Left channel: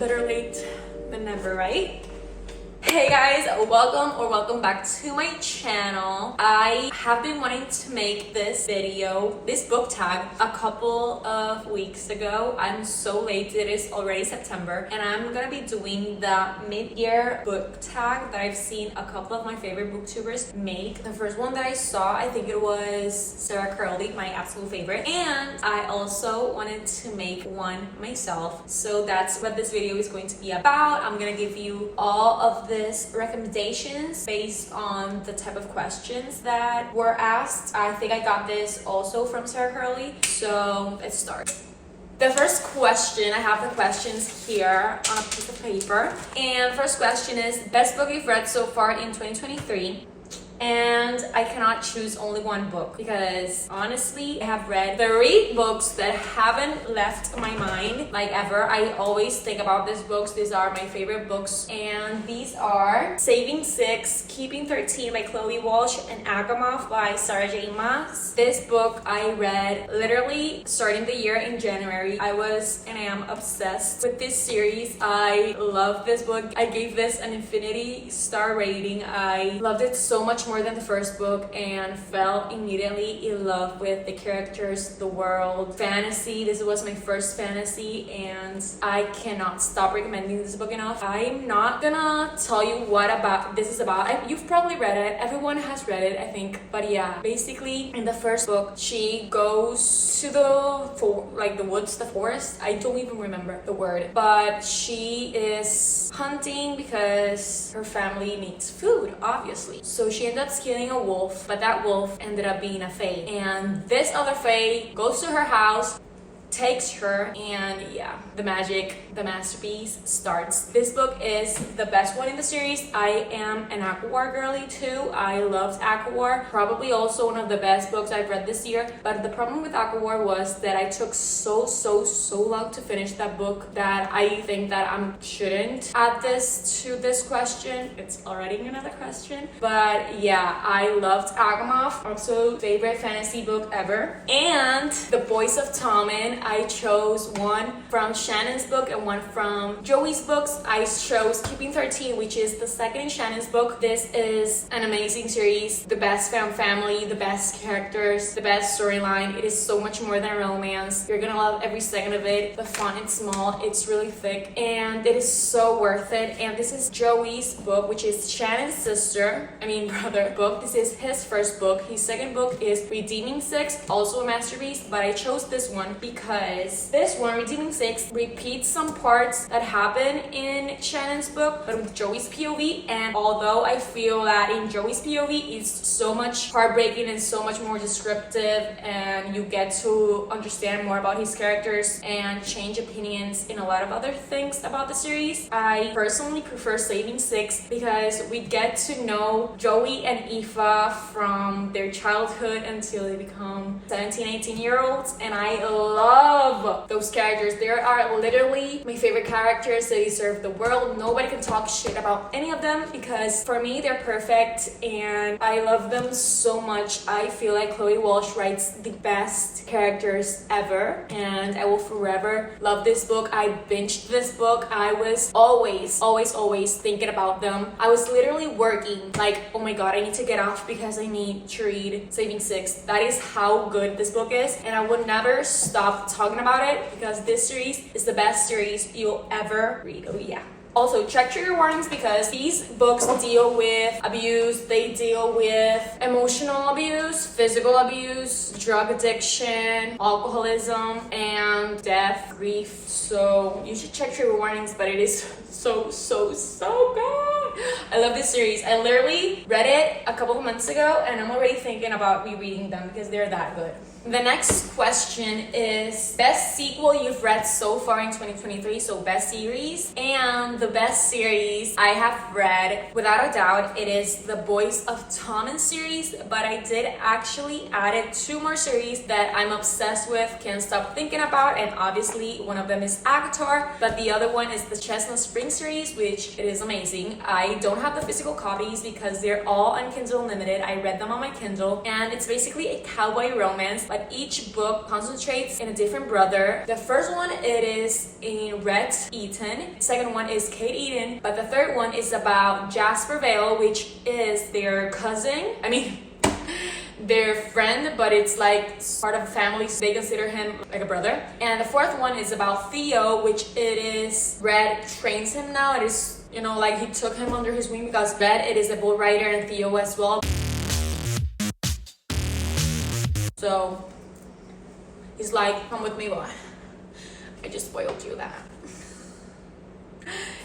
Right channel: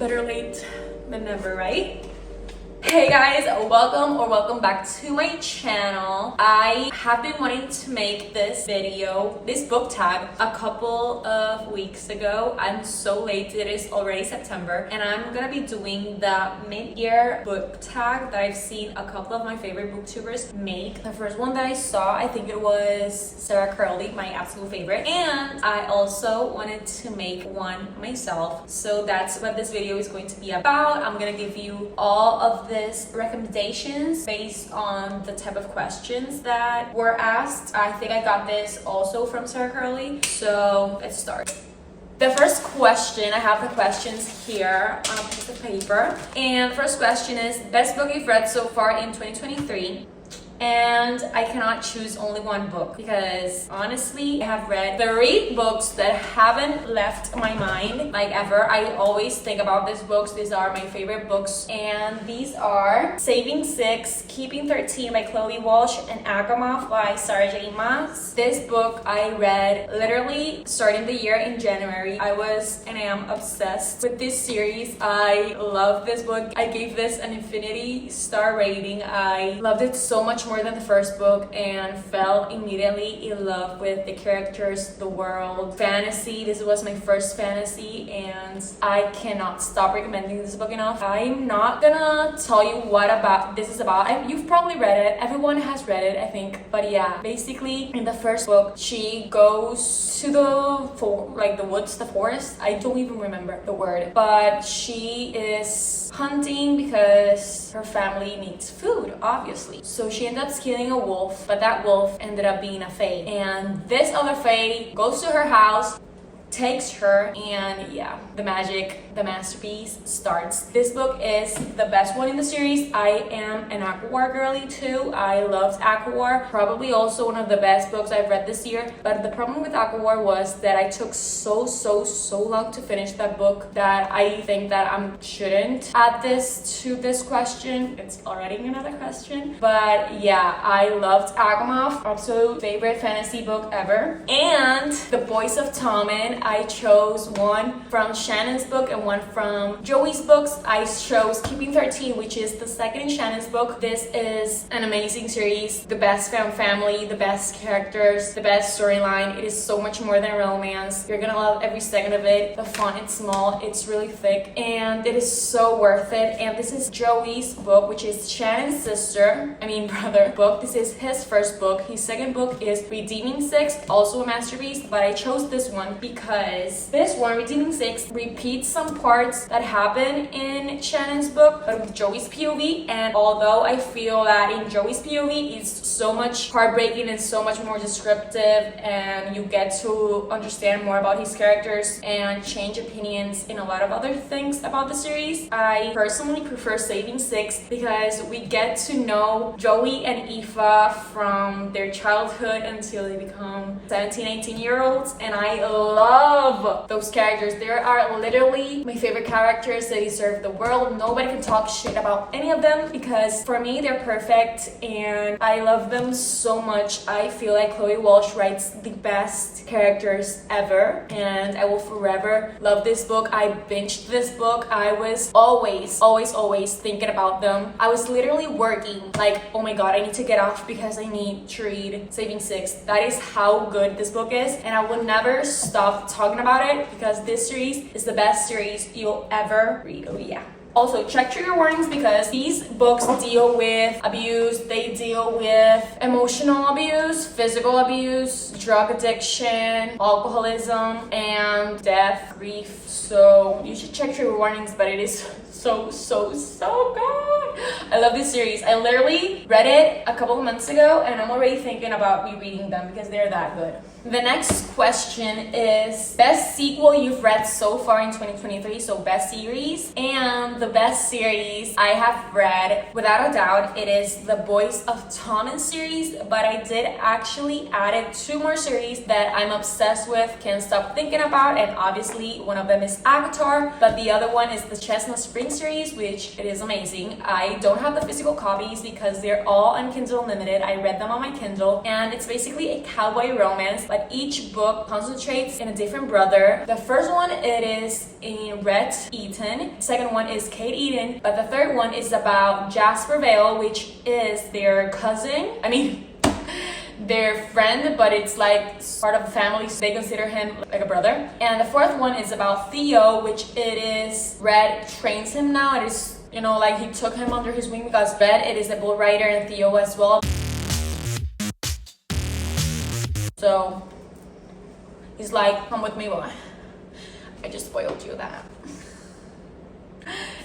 Better late than never, right? Hey guys, welcome back to my channel. I have been wanting to make this book tag, a couple of weeks ago. I'm so late, it is already September, and I'm gonna be doing the mid-year book tag that I've seen a couple of my favorite booktubers make. The first one that I saw, I think it was Sarah Curley, my absolute favorite, and I also wanted to make one myself. So that's what this video is going to be about. I'm gonna give you all of this recommendations based on the type of questions that were asked. I think I got this also from Sarah Curley. So let's start. The first question, I have the questions here on a piece of paper. And first question is, best book you've read so far in 2023? And I cannot choose only one book because honestly, I have read 3 books that haven't left my mind like ever. I always think about these books. These are my favorite books, and these are Saving 6, Keeping 13 by Chloe Walsh, and Agamov by Sarah J. Maas. This book I read literally starting the year in January. I was and am obsessed with this series. I love this book. I gave this an infinity star rating. I loved it so much more than the first book and fell immediately in love with the characters, the world, fantasy. This was my first fantasy and I cannot stop recommending this book enough. I'm not gonna tell you what this is about. You've probably read it. Everyone has read it, I think. But yeah, basically in the first book, she goes to the woods, the forest. I don't even remember the word, but she is hunting because her family needs food, obviously. So she ends up killing a wolf, but that wolf ended up being a fae. And this other fae goes to her house, takes her, and yeah, the magic, the masterpiece starts. This book is the best one in the series. I am an ACOWAR girly too. I loved ACOWAR. Probably also one of the best books I've read this year. But the problem with ACOWAR was that I took so long to finish that book that I think that I shouldn't add this to this question. It's already another question. But yeah, I loved Agamov, absolute favorite fantasy book ever. And The Boys of Tommen, I chose one from Shannon's book and one from Joey's books. I chose Keeping 13, which is the second in Shannon's book. This is an amazing series. The best found family, the best characters, the best storyline. It is so much more than a romance. You're gonna love every second of it. The font is small, it's really thick, and it is so worth it. And this is Joey's book, which is Shannon's brother book. This is his first book. His second book is Redeeming 6, also a masterpiece, but I chose this one because this one, Redeeming 6, repeats some parts that happen in Shannon's book, but with Joey's POV. And although I feel that in Joey's POV, it's so much heartbreaking and so much more descriptive, and you get to understand more about his characters and change opinions in a lot of other things about the series, I personally prefer Saving 6 because we get to know Joey and Aoife from their childhood until they become 17, 18-year-olds, and I love those characters. They are literally my favorite characters. They deserve the world. Nobody can talk shit about any of them because for me they're perfect and I love them so much. I feel like Chloe Walsh writes the best characters ever, and I will forever love this book. I binged this book. I was always thinking about them. I was literally working like, oh my god, I need to get off because I need to read Saving 6. That is how good this book is, and I would never stop talking about it because this series is the best series you'll ever read. Oh yeah. Also, check trigger warnings because these books deal with abuse, they deal with emotional abuse, physical abuse, drug addiction, alcoholism, and death, grief. So you should check trigger warnings, but it is so good. I love this series. I literally read it a couple of months ago and I'm already thinking about rereading them because they're that good. The next question is best sequel you've read so far in 2023, so best series. And the best series I have read, without a doubt, it is the Boys of Tommen series, but I did actually add it to more series that I'm obsessed with, can't stop thinking about, and obviously one of them is Avatar, but the other one is the Chestnut Spring series, which it is amazing. I don't have the physical copies because they're all on Kindle Unlimited. I read them on my Kindle, and it's basically a cowboy romance, but each book concentrates in a different brother. The first one, it is in Rhett Eaton. The second one is Kate Eaton, but the third one is about Jasper Vale, which is their cousin. Their friend, but it's like part of the family, so they consider him like a brother. And the fourth one is about Theo, which it is Red trains him now. It is, you know, like he took him under his wing because Red, it is a bull rider, and Theo as well. So he's like, come with me, boy. I just spoiled you that.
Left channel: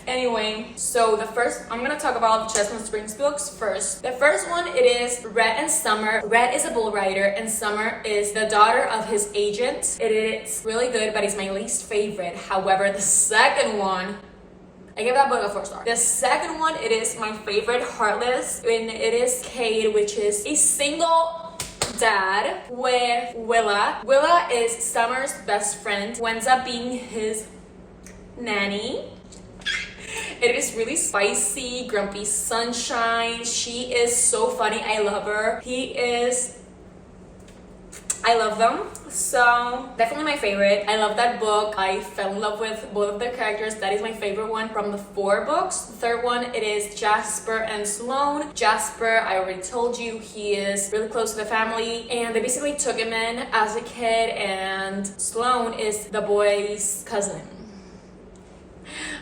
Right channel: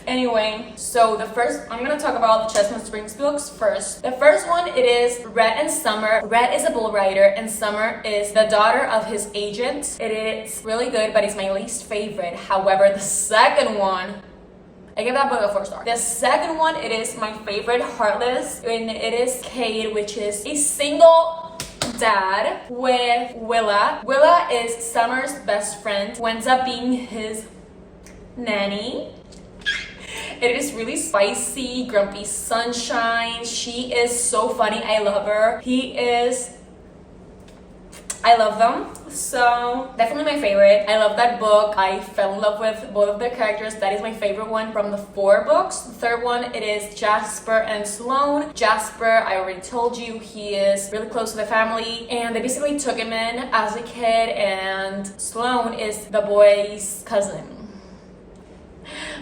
Anyway, so I'm gonna talk about the Chestnut Springs books first. The first one, it is Rhett and Summer. Rhett is a bull rider and Summer is the daughter of his agent. It is really good, but it's my least favorite. However, the second one, I give that book a 4 stars. The second one, it is my favorite, Heartless, and it is Cade, which is a single dad with Willa. Willa is Summer's best friend, who ends up being his nanny. It is really spicy, grumpy sunshine. She is so funny. I love her. I love them. So definitely my favorite. I love that book. I fell in love with both of their characters. That is my favorite one from the 4 books. The third one, it is Jasper and Sloane. Jasper, I already told you, he is really close to the family, and they basically took him in as a kid, and Sloane is the boy's cousin.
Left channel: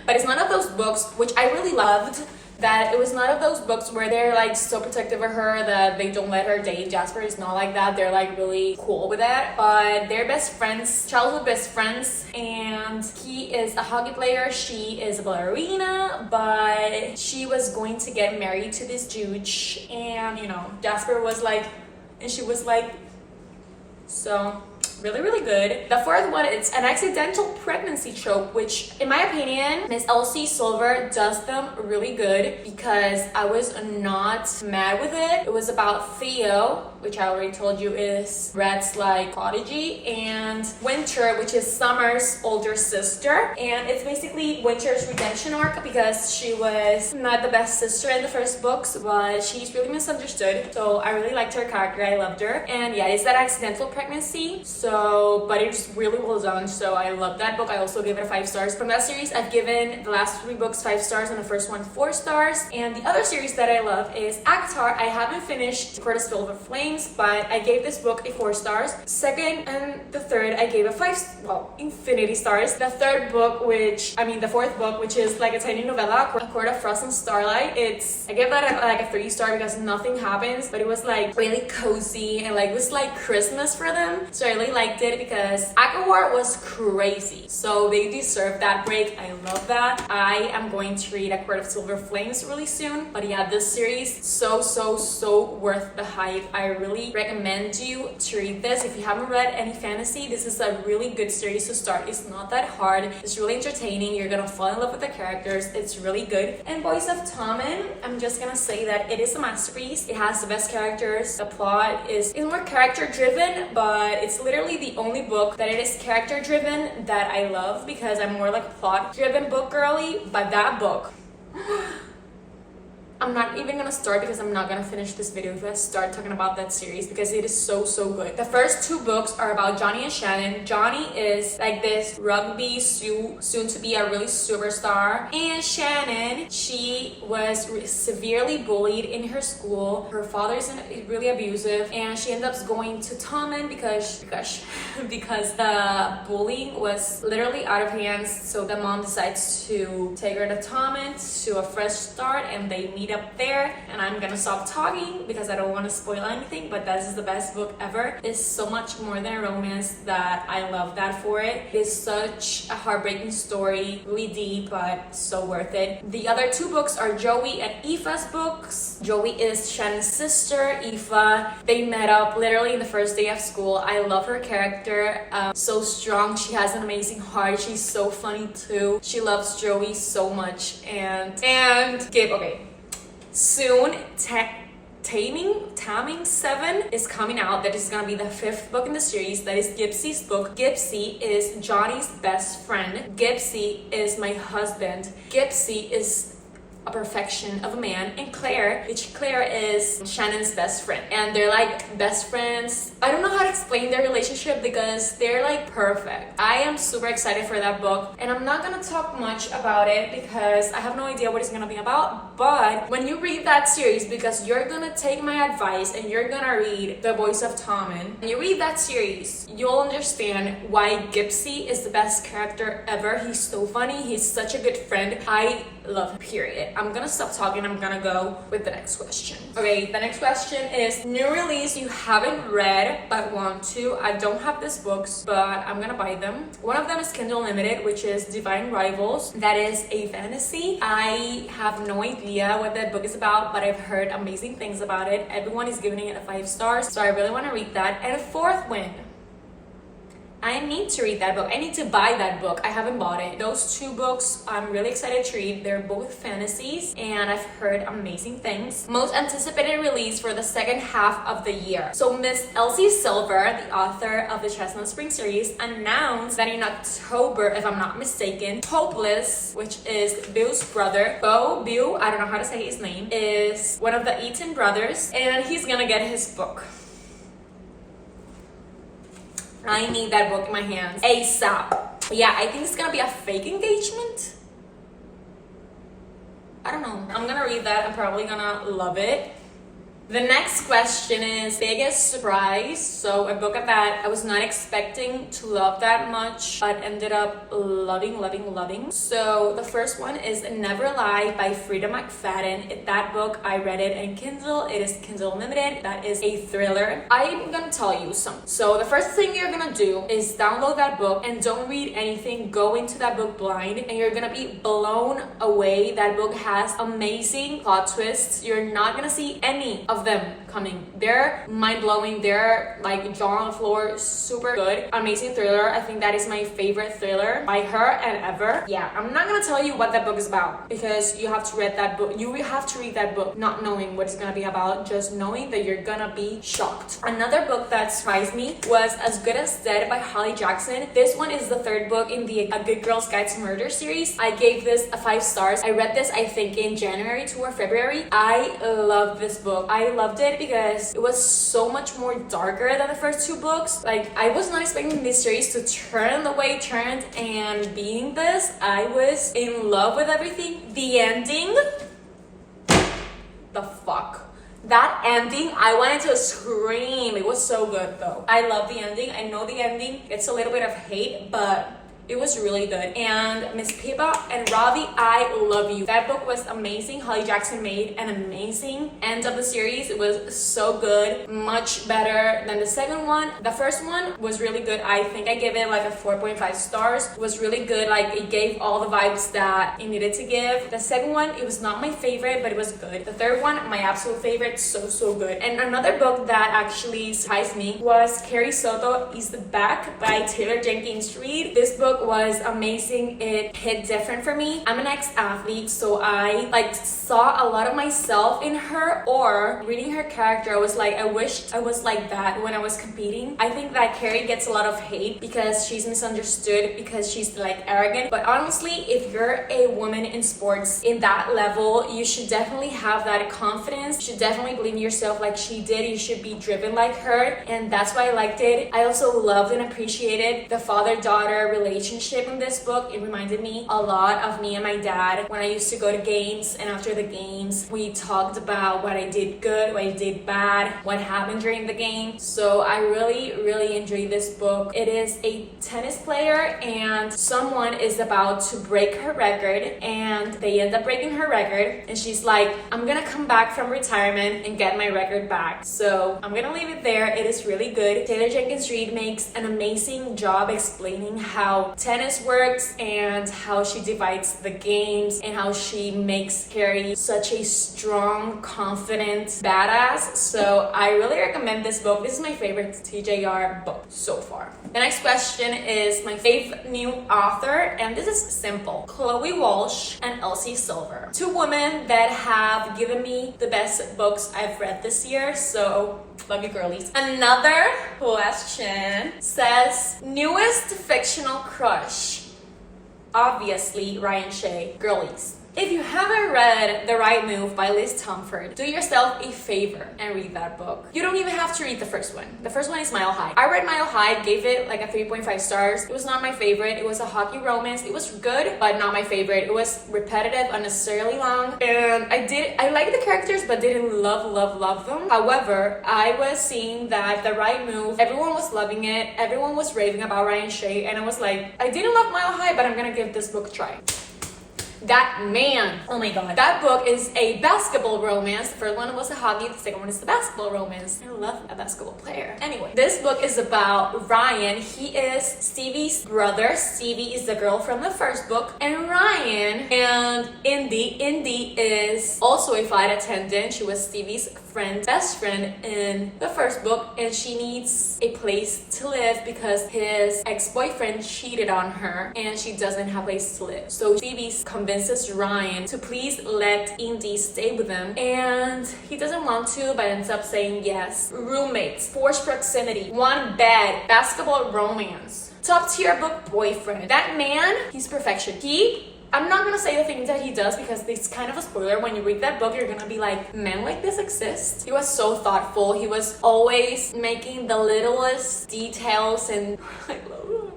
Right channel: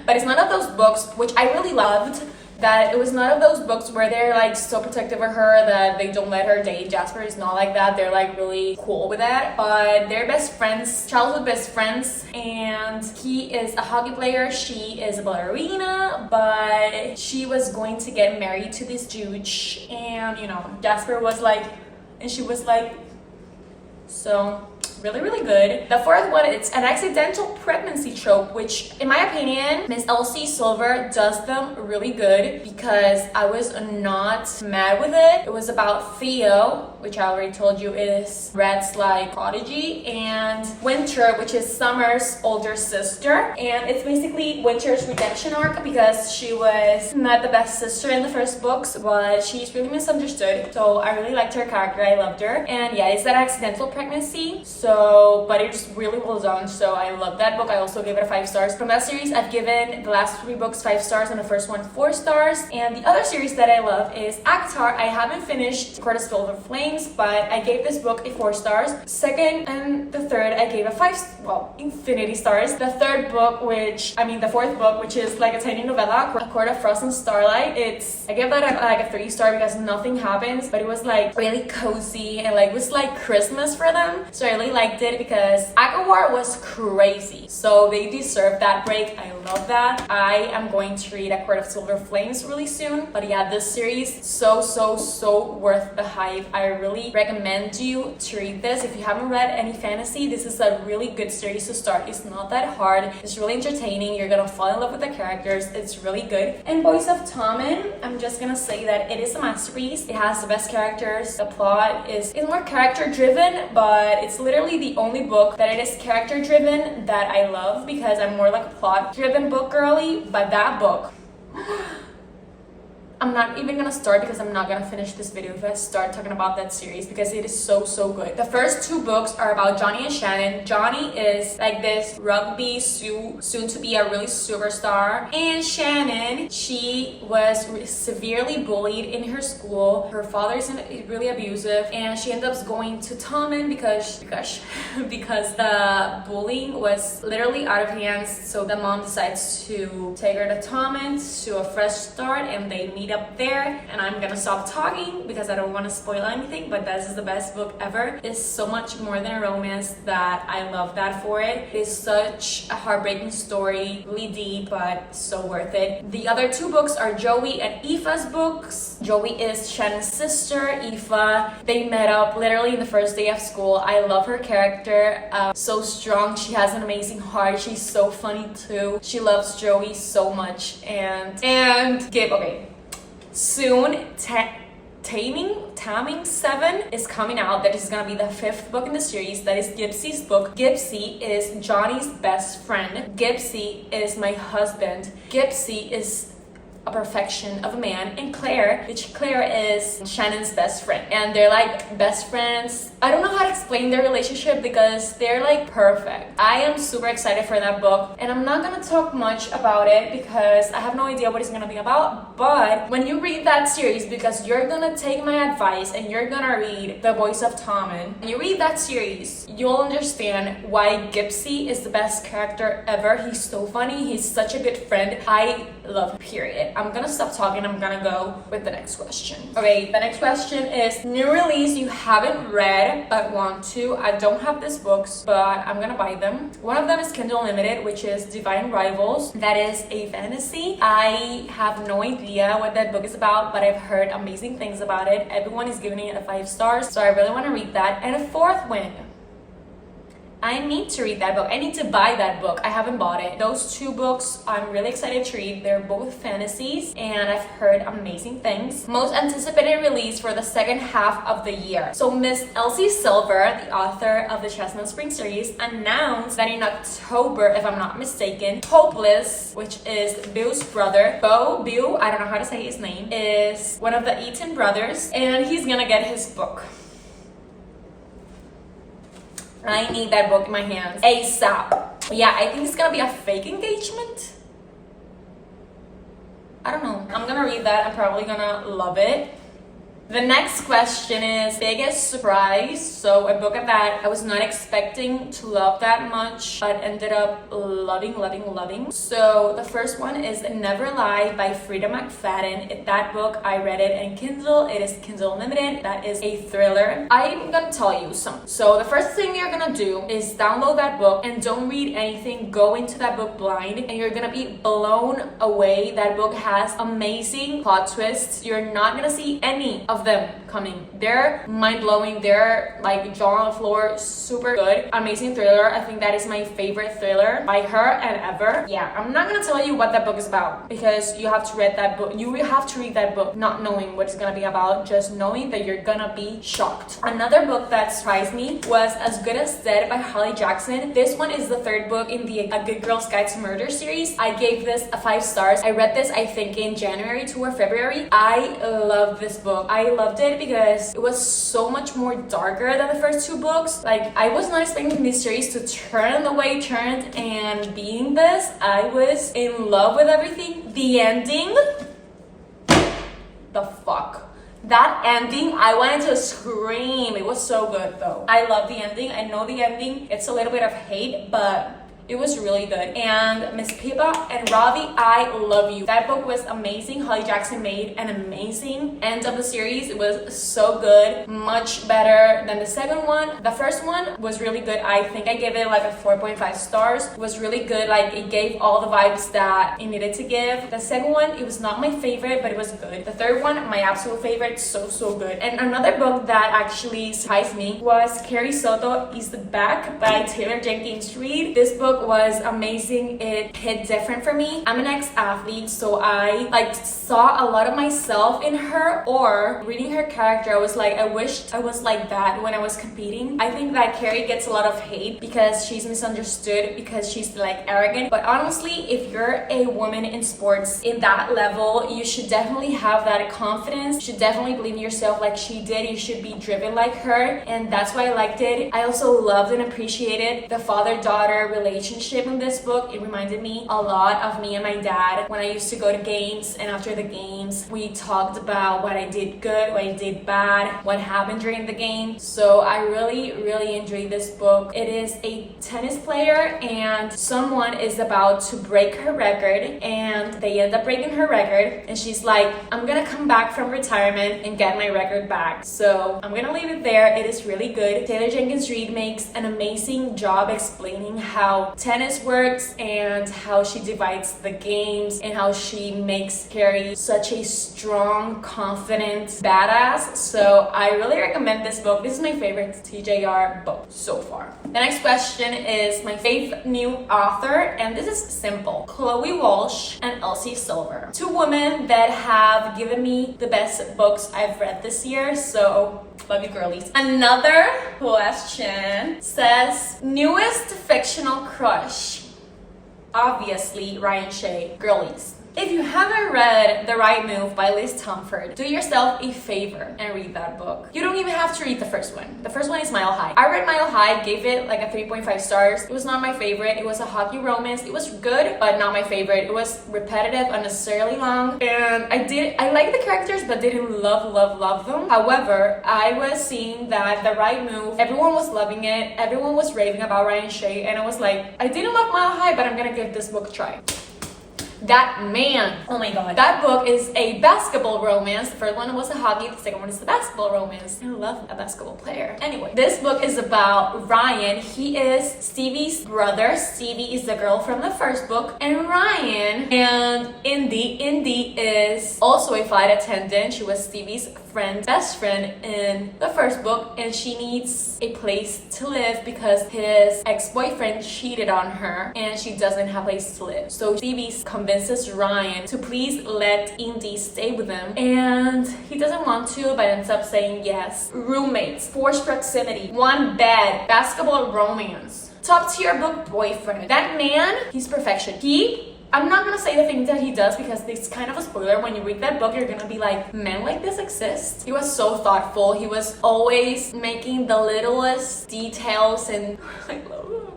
But it's none of those books, which I really loved, that it was none of those books where they're like so protective of her that they don't let her date Jasper. It's not like that. They're like really cool with that. But they're best friends, childhood best friends, and he is a hockey player. She is a ballerina, but she was going to get married to this dude, and you know, Jasper was like, and she was like, so really, really good. The fourth one, it's an accidental pregnancy trope, which in my opinion, Miss Elsie Silver does them really good because I was not mad with it. It was about Theo, which I already told you is Red's like prodigy, and Winter, which is Summer's older sister. And it's basically Winter's redemption arc because she was not the best sister in the first books, but she's really misunderstood. So I really liked her character. I loved her. And yeah, it's that accidental pregnancy. But it's really well done, so I love that book. I also gave it a 5 stars. From that series, I've given the last 3 books 5 stars and the first one 4 stars. And the other series that I love is Avatar. I haven't finished Court of Silver Flames, but I gave this book a 4 stars. Second and the third, I gave a infinity stars. The fourth book, which is like a tiny novella, A Court of Frost and Starlight, I gave that a 3 star because nothing happens, but it was like really cozy and like it was like Christmas for them. So I really liked it because Akawar was crazy, so they deserve that break. I love that. I am going to read A Court of Silver Flames really soon, but yeah, this series so worth the hype. I really recommend you to read this. If you haven't read any fantasy, this is a really good series to start. It's not that hard. It's really entertaining. You're gonna fall in love with the characters. It's really good. And Boys of Tommen, I'm just gonna say that it is a masterpiece. It has the best characters. The plot is more character driven, but it's literally the only book that it is character driven that I love because I'm more like a plot driven book girly. But that book, I'm not even gonna start because I'm not gonna finish this video if I start talking about that series because it is so good. The first 2 books are about Johnny and Shannon. Johnny is like this rugby soon to be a really superstar, and Shannon, she was severely bullied in her school. Her father is really abusive, and she ends up going to Tommen because the bullying was literally out of hands. So the mom decides to take her to Tommen to a fresh start, and they meet up there. And I'm gonna stop talking because I don't want to spoil anything, but this is the best book ever. It's so much more than a romance that I love that for it. It's such a heartbreaking story, really deep, but so worth it. The other 2 books are Joey and Aoife's books. Joey is Shannon's sister. Aoife, they met up literally in the first day of school. I love her character, so strong. She has an amazing heart. She's so funny too. She loves Joey so much. And Gabe, okay, soon Taming 7 is coming out. That is gonna be the 5th book in the series. That is Gypsy's book. Gypsy is Johnny's best friend. Gypsy is my husband. Gypsy is a perfection of a man, and Claire is Shannon's best friend, and they're like best friends. I don't know how to explain their relationship because they're like perfect. I am super excited for that book, and I'm not gonna talk much about it because I have no idea what it's gonna be about. But when you read that series, because you're gonna take my advice and you're gonna read The Voice of Tommen, and you read that series, you'll understand why Gypsy is the best character ever. He's so funny, he's such a good friend. I love him, period. I'm gonna stop talking. I'm gonna go with the next question. Okay, the next question is new release you haven't read but want to. I don't have these books, but I'm gonna buy them. One of them is Kindle Unlimited, which is Divine Rivals. That is a fantasy. I have no idea what that book is about, but I've heard amazing things about it. Everyone is giving it a 5 stars, so I really want to read that. And a fourth one, I need to read that book. I need to buy that book. I haven't bought it. Those 2 books I'm really excited to read. They're both fantasies and I've heard amazing things. Most anticipated release for the second half of the year. So Miss Elsie Silver, the author of the Chestnut Spring series, announced that in October, if I'm not mistaken, Hopeless, which is Bill's brother, Bill, I don't know how to say his name, is one of the Eaton brothers, and he's gonna get his book. I need that book in my hands ASAP. Yeah, I think it's gonna be a fake engagement. I don't know. I'm gonna read that. I'm probably gonna love it. The next question is biggest surprise. So a book that I was not expecting to love that much, but ended up loving. So the first one is Never Lie by Frida McFadden. That book, I read it in Kindle. It is Kindle Unlimited. That is a thriller. I'm gonna tell you something. So the first thing you're gonna do is download that book and don't read anything. Go into that book blind and you're gonna be blown away. That book has amazing plot twists. You're not gonna see any of them coming. They're mind-blowing. They're like jaw on the floor, super good, amazing thriller. I think that is my favorite thriller by her and ever. Yeah, I'm not gonna tell you what that book is about because you have to read that book. You will have to read that book not knowing what it's gonna be about, just knowing that you're gonna be shocked. Another book that surprised me was As Good as Dead by Holly Jackson. This one is the 3rd book in the A Good Girl's Guide to Murder series. I gave this a 5 stars. I read this, I think, in January or February. I love this book. I loved it because it was so much more darker than the first 2 books. Like, I was not expecting this series to turn the way it turned, and being this, I was in love with everything. The ending, the fuck. That ending, I wanted to scream. It was so good though. I love the ending. I know the ending, it's a little bit of hate, but it was really good. And Miss Pippa and Ravi, I love you. That book was amazing. Holly Jackson made an amazing end of the series. It was so good, much better than the second one. The first one was really good. I think I gave it like a 4.5 stars. It was really good. Like, it gave all the vibes that it needed to give. The second one, it was not my favorite, but it was good. The third one, my absolute favorite, so good. And another book that actually surprised me was Carrie Soto is Back by Taylor Jenkins Reid. This book was amazing. It hit different for me. I'm an ex-athlete, so I saw a lot of myself in her, or reading her character, I was like, I wished I was like that when I was competing. I think that Carrie gets a lot of hate because she's misunderstood, because she's like arrogant. But honestly, if you're a woman in sports in that level, you should definitely have that confidence. You should definitely believe in yourself like she did. You should be driven like her, and that's why I liked it. I also loved and appreciated the father-daughter relationship in this book. It reminded me a lot of me and my dad when I used to go to games, and after the games we talked about what I did good, what I did bad, what happened during the game. So I really enjoyed this book. It is a tennis player and someone is about to break her record, and they end up breaking her record, and she's like, I'm gonna come back from retirement and get my record back. So I'm gonna leave it there. It is really good. Taylor Jenkins Reid makes an amazing job explaining how tennis works and how she divides the games and how she makes Carrie such a strong, confident badass. So I really recommend this book. This is my favorite TJR book so far. The next question is my fave new author, and this is simple. Chloe Walsh and Elsie Silver. Two women that have given me the best books I've read this year, so love you girlies. Another question says, newest fictional crush. Obviously, Ryan Shea. Girlies, if you haven't read The Right Move by Liz Tomford, do yourself a favor and read that book. You don't even have to read the first one. The first one is Mile High. I read Mile High, gave it like a 3.5 stars. It was not my favorite. It was a hockey romance. It was good, but not my favorite. It was repetitive, unnecessarily long, and I liked the characters, but didn't love them. However, I was seeing that The Right Move, everyone was loving it. Everyone was raving about Ryan Shea, and I was like, I didn't love Mile High, but I'm gonna give this book a try. That man, oh my god, that book is a basketball romance. The first one was a hockey, the second one is a basketball romance. I love a basketball player. Anyway, this book is about Ryan. He is Stevie's brother. Stevie is the girl from the first book, and Ryan and Indy is also a flight attendant. She was Stevie's best friend in the first book, and she needs a place to live because his ex-boyfriend cheated on her and she doesn't have a place to live. So Stevie convinces Ryan to please let Indy stay with him, and he doesn't want to, but ends up saying yes. Roommates, forced proximity, one bed, basketball romance, top tier book boyfriend. That man, he's perfection. I'm not gonna say the things that he does because it's kind of a spoiler. When you read that book, you're gonna be like, men like this exist? He was so thoughtful. He was always making the littlest details, and I love him.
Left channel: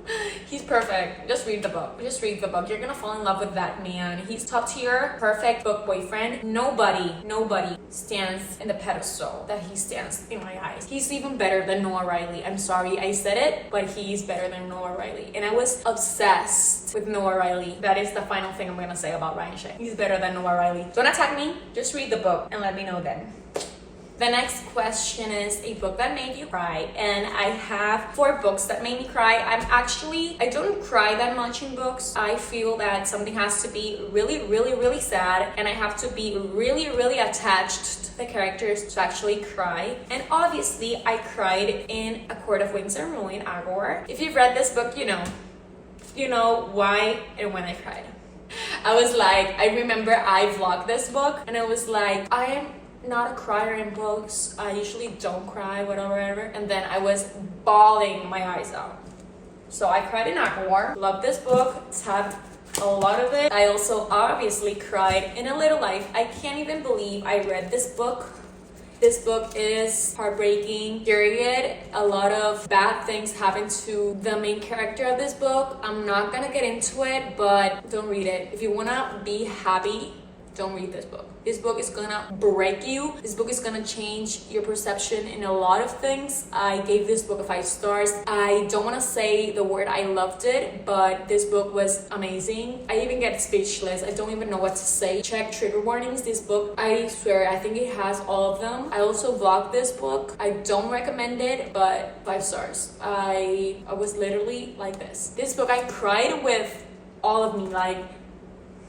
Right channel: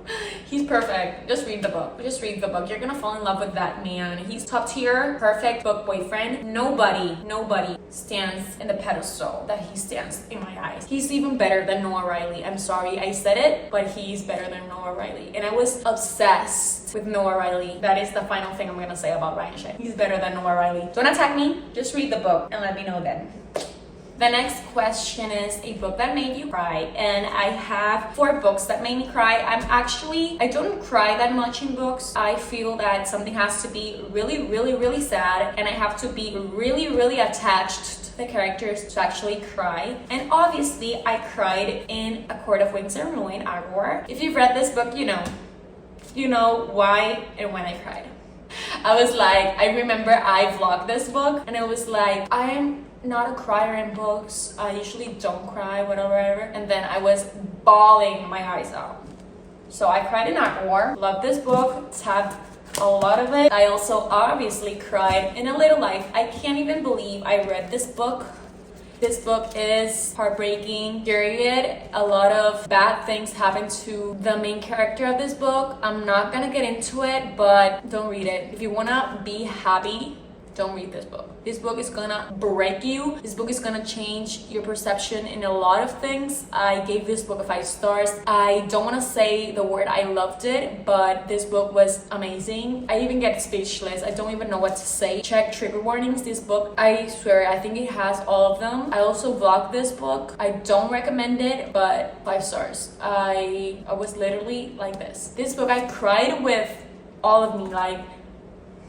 He's perfect. Just read the book. Just read the book. You're gonna fall in love with that man. He's top tier, perfect book boyfriend. Nobody stands in the pedestal that he stands in my eyes. He's even better than Noah Riley. I'm sorry I said it, but he's better than Noah Riley. And I was obsessed with Noah Riley. That is the final thing I'm gonna say about Ryan Shea. He's better than Noah Riley. Don't attack me. Just read the book and let me know then. The next question is a book that made you cry, and I have 4 books that made me cry. I don't cry that much in books. I feel that something has to be really sad, and I have to be really attached to the characters to actually cry. And obviously, I cried in A Court of Wings and Ruin, Agor. If you've read this book, you know why and when I cried. I remember I vlogged this book, and I was like, I am not a crier in books. I usually don't cry, whatever. And then I was bawling my eyes out. So I cried in Agor. Love this book. Tabbed a lot of it. I also obviously cried in A Little Life. I can't even believe I read this book. This book is heartbreaking, period. A lot of bad things happen to the main character of this book. I'm not gonna get into it, but don't read it. If you wanna be happy, don't read this book. This book is gonna break you. This book is gonna change your perception in a lot of things. I gave this book 5 stars. I don't wanna say the word I loved it, but this book was amazing. I even get speechless. I don't even know what to say. Check trigger warnings. This book, I swear, I think it has all of them. I also vlogged this book. I don't recommend it, but 5 stars. I was literally like this. This book, I cried with all of me,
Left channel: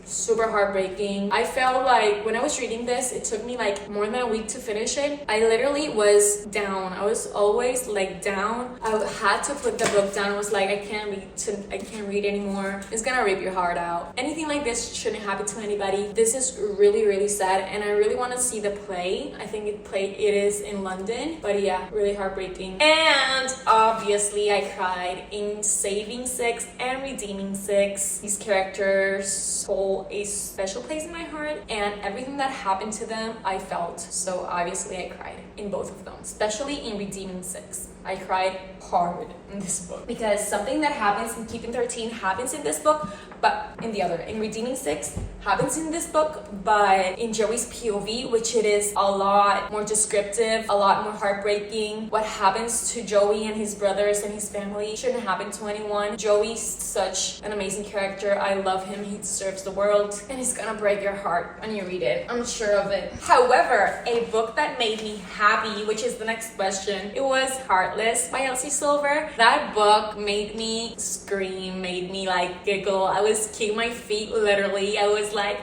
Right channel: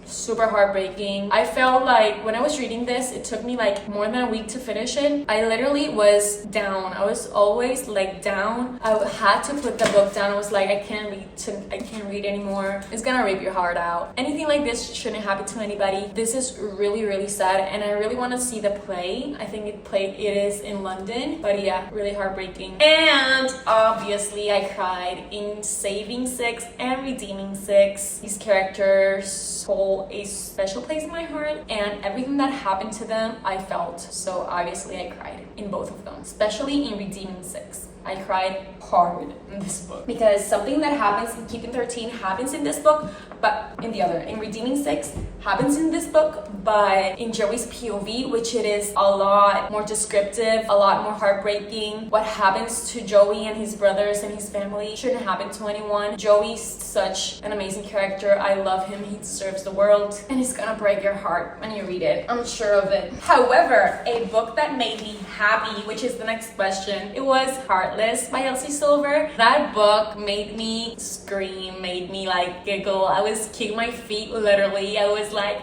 super heartbreaking. I felt like when I was reading this, it took me more than a week to finish it. I literally was down. I was always down. I had to put the book down. I was like, I can't read anymore. It's gonna rip your heart out. Anything like this shouldn't happen to anybody. This is really sad, and I really want to see the play. I think it is in London, but yeah, really heartbreaking. And obviously I cried in Saving 6 and Redeeming 6. These characters hold a special place in my heart, and everything that happened to them I felt. So obviously I cried in both of them, especially in Redeeming 6. I cried hard in this book because something that happens in Keeping 13 happens in this book, but in Redeeming 6 happens in this book, but in Joey's POV, which it is a lot more descriptive, a lot more heartbreaking. What happens to Joey and his brothers and his family shouldn't happen to anyone. Joey's such an amazing character. I love him. He deserves the world, and it's gonna break your heart when you read it. I'm sure of it. However, a book that made me happy, which is the next question, it was Heartless by Elsie Silver. That book made me scream, made me giggle. I was kicking my feet literally. I was like,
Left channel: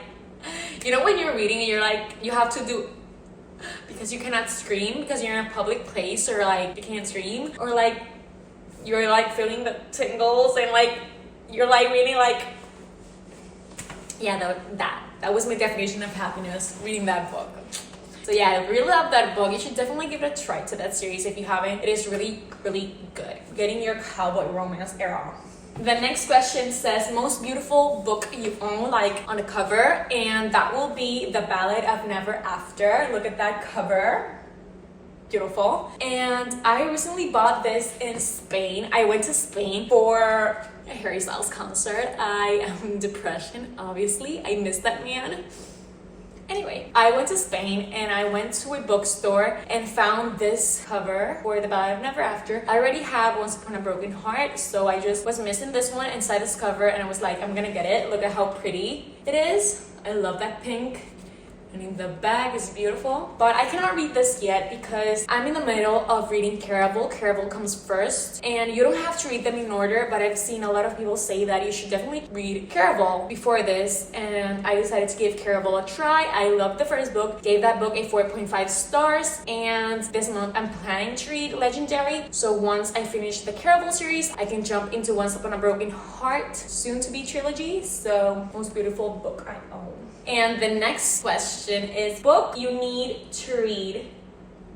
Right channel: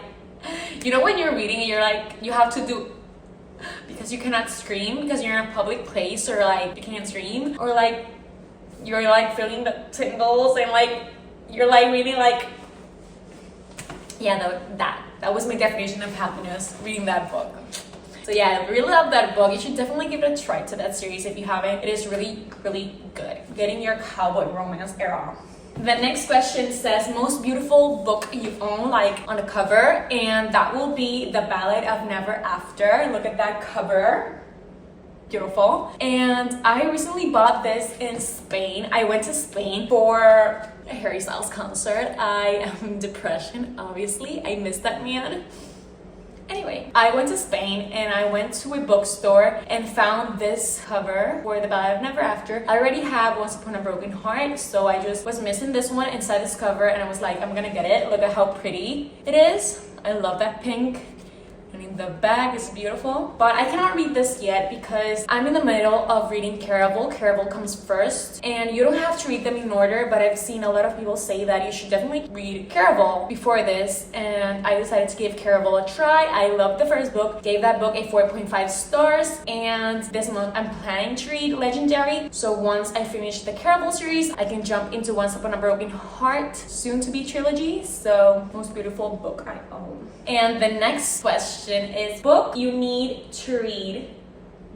when you're reading and you're you have to do, because you cannot scream because you're in a public place, or you can't scream, or you're like feeling the tingles and like you're like really like, yeah, that was my definition of happiness, reading that book. So yeah, I really love that book. You should definitely give it a try to that series if you haven't. It is really, really good. Getting your cowboy romance era. The next question says, most beautiful book you own, like on the cover, and that will be The Ballad of Never After. Look at that cover. Beautiful. And I recently bought this in Spain. I went to Spain for a Harry Styles concert. I am in depression, obviously. I miss that man. Anyway, I went to Spain and I went to a bookstore and found this cover for The Ballad of Never After. I already have Once Upon a Broken Heart, so I just was missing this one inside this cover and I was like, I'm gonna get it. Look at how pretty it is. I love that pink. I mean, the bag is beautiful, but I cannot read this yet because I'm in the middle of reading Caraval. Caraval comes first, and you don't have to read them in order, but I've seen a lot of people say that you should definitely read Caraval before this, and I decided to give Caraval a try. I loved the first book, gave that book a 4.5 stars, and this month I'm planning to read Legendary, so once I finish the Caraval series, I can jump into Once Upon a Broken Heart, soon to be trilogy, so most beautiful book I own. And the next question is book you need to read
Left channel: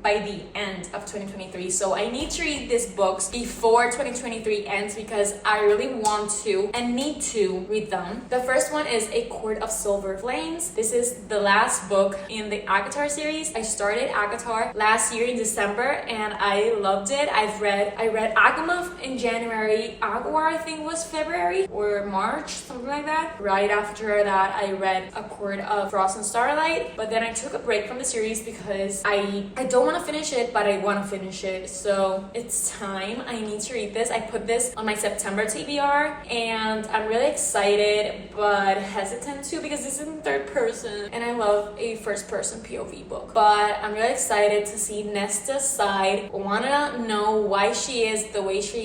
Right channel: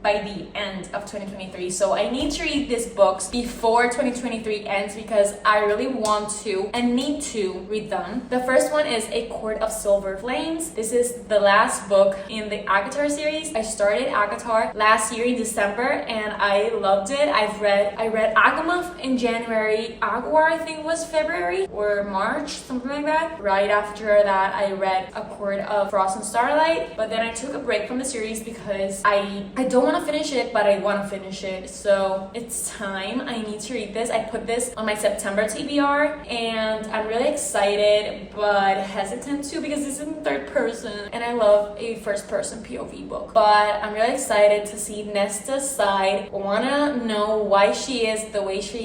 by the end of 2023. So I need to read these books before 2023 ends because I really want to and need to read them. The first one is A Court of Silver Flames. This is the last book in the Agatar series. I started Agatar last year in December and I loved it. I read Agamotto in January. Aguar I think was February or March, something like that. Right after that I read A Court of Frost and Starlight, but then I took a break from the series because I don't want to finish it, but I want to finish it, so it's time. I need to read this. I put this on my September TBR and I'm really excited but hesitant too because this is in third person and I love a first person POV book, but I'm really excited to see Nesta's side. I want to know why she is the way she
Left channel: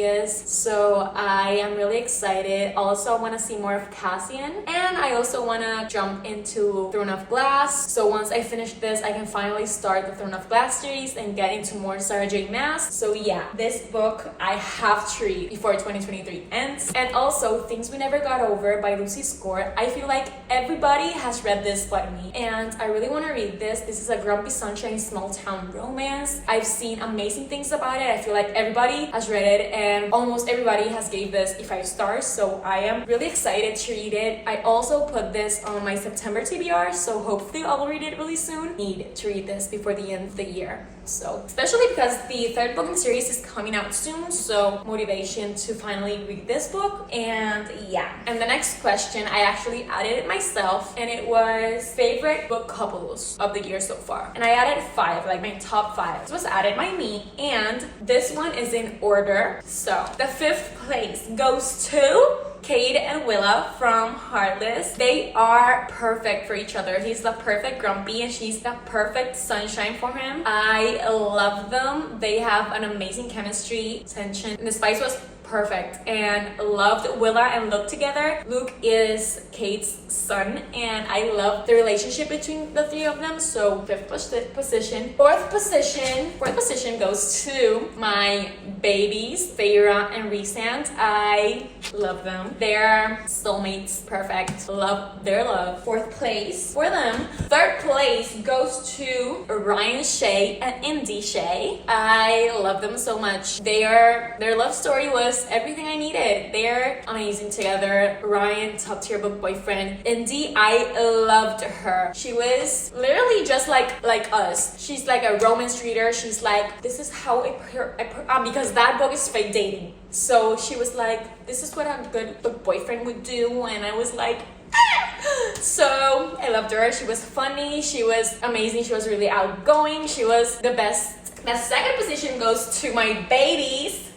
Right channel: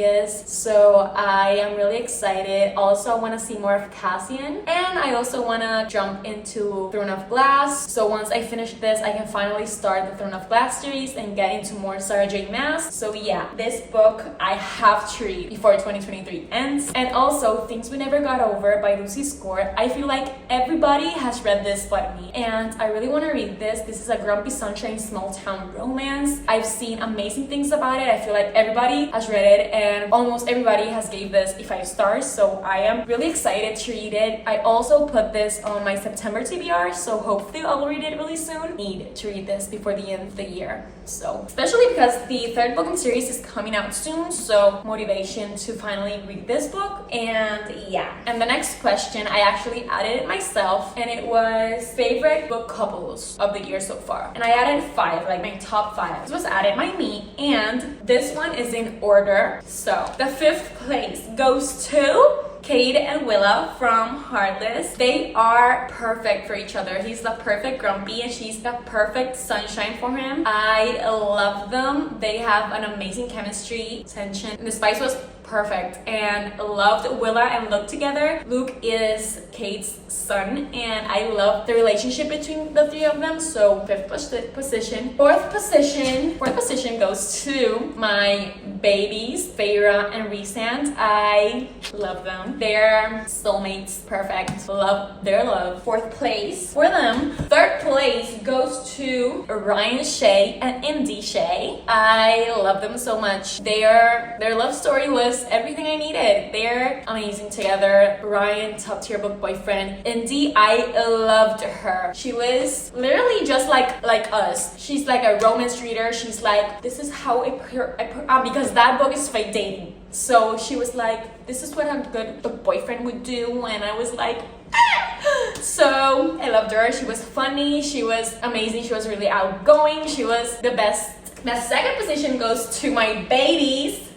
is, so I am really excited. Also, I want to see more of Cassian, and I also want to jump into Throne of Glass, so once I finish this I can finally start the Throne of Glass series and get into more Sarah J Maas. So yeah, this book I have to read before 2023 ends. And also Things We Never Got Over by Lucy Score. I feel like everybody has read this but me, and I really want to read this. This is a Grumpy Sunshine small town romance. I've seen amazing things about it. I feel like everybody has read it and almost everybody has gave this a 5 stars, so I am really excited to read it. I also put this on my September TBR, so hopefully I'll read it really soon. Need to read this before the end of the year, so especially because the third book in the series is coming out soon, so motivation to finally read this book. And yeah, and the next question I actually added it myself and it was favorite book couples of the year so far, and I added 5, like my top 5. This was added by me and this one is in order. So the 5th place goes to Cade and Willa from Heartless. They are perfect for each other. He's the perfect Grumpy and she's the perfect Sunshine for him. I love them. They have an amazing chemistry, tension, and the spice was perfect, and loved Willa and Luke together. Luke is Kate's son and I love the relationship between the 3 of them, so 5th position. 4th position goes to my babies, Feyre and Rhysand. I love them. They're soulmates, perfect. Love their love. 4th place for them. 3rd place goes to Ryan Shea and Indy Shea. I love them so much. Their love story was everything I needed. They're amazing together. Ryan, top tier book boyfriend. Indy, I loved her. She was literally just like us. She's like a romance reader. She's like, this is how I put because that book is fake dating. So she was like, this is what a good book boyfriend would do, and I was like, ah! So I loved her. She was funny. She was amazing. She was really outgoing. She was the best. The 2nd position goes to my babies,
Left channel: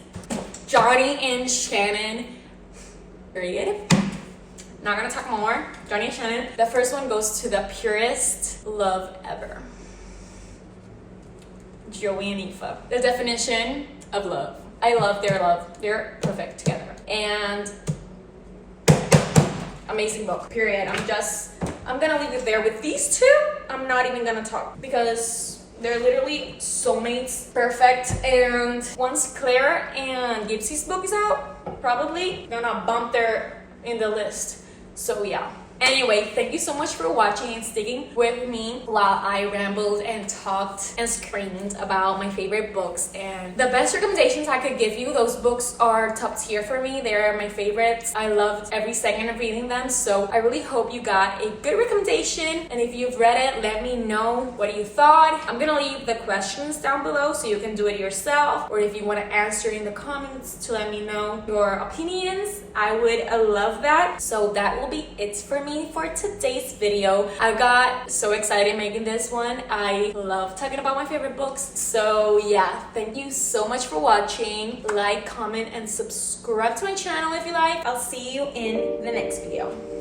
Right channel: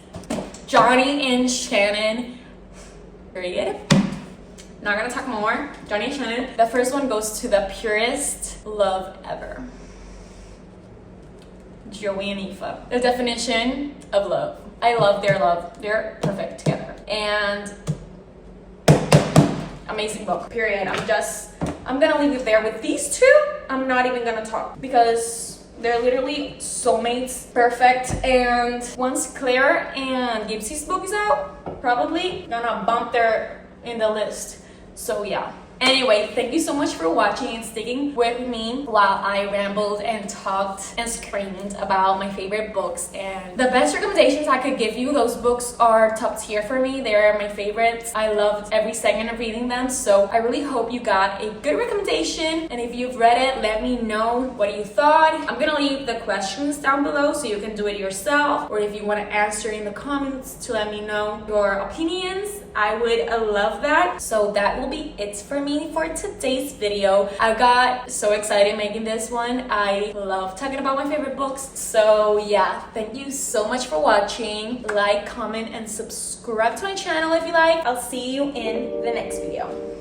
Johnny and Shannon. Period. Not gonna talk more. Johnny and Shannon. The first one goes to the purest love ever, Joey and Aoife. The definition of love. I love their love. They're perfect together. And amazing book. Period. I'm gonna leave it there with these 2. I'm not even gonna talk because They're literally soulmates, perfect. And once Claire and Gypsy's book is out, probably gonna bump there in the list. So yeah. Anyway, thank you so much for watching and sticking with me while I rambled and talked and screamed about my favorite books. And the best recommendations I could give you, those books are top tier for me. They are my favorites. I loved every second of reading them. So I really hope you got a good recommendation. And if you've read it, let me know what you thought. I'm gonna leave the questions down below so you can do it yourself. Or if you want to answer in the comments to let me know your opinions, I would love that. So that will be it for me for today's video. I got so excited making this one. I love talking about my favorite books. So yeah, thank you so much for watching. Like, comment, and subscribe to my channel if you like. I'll see you in the next video.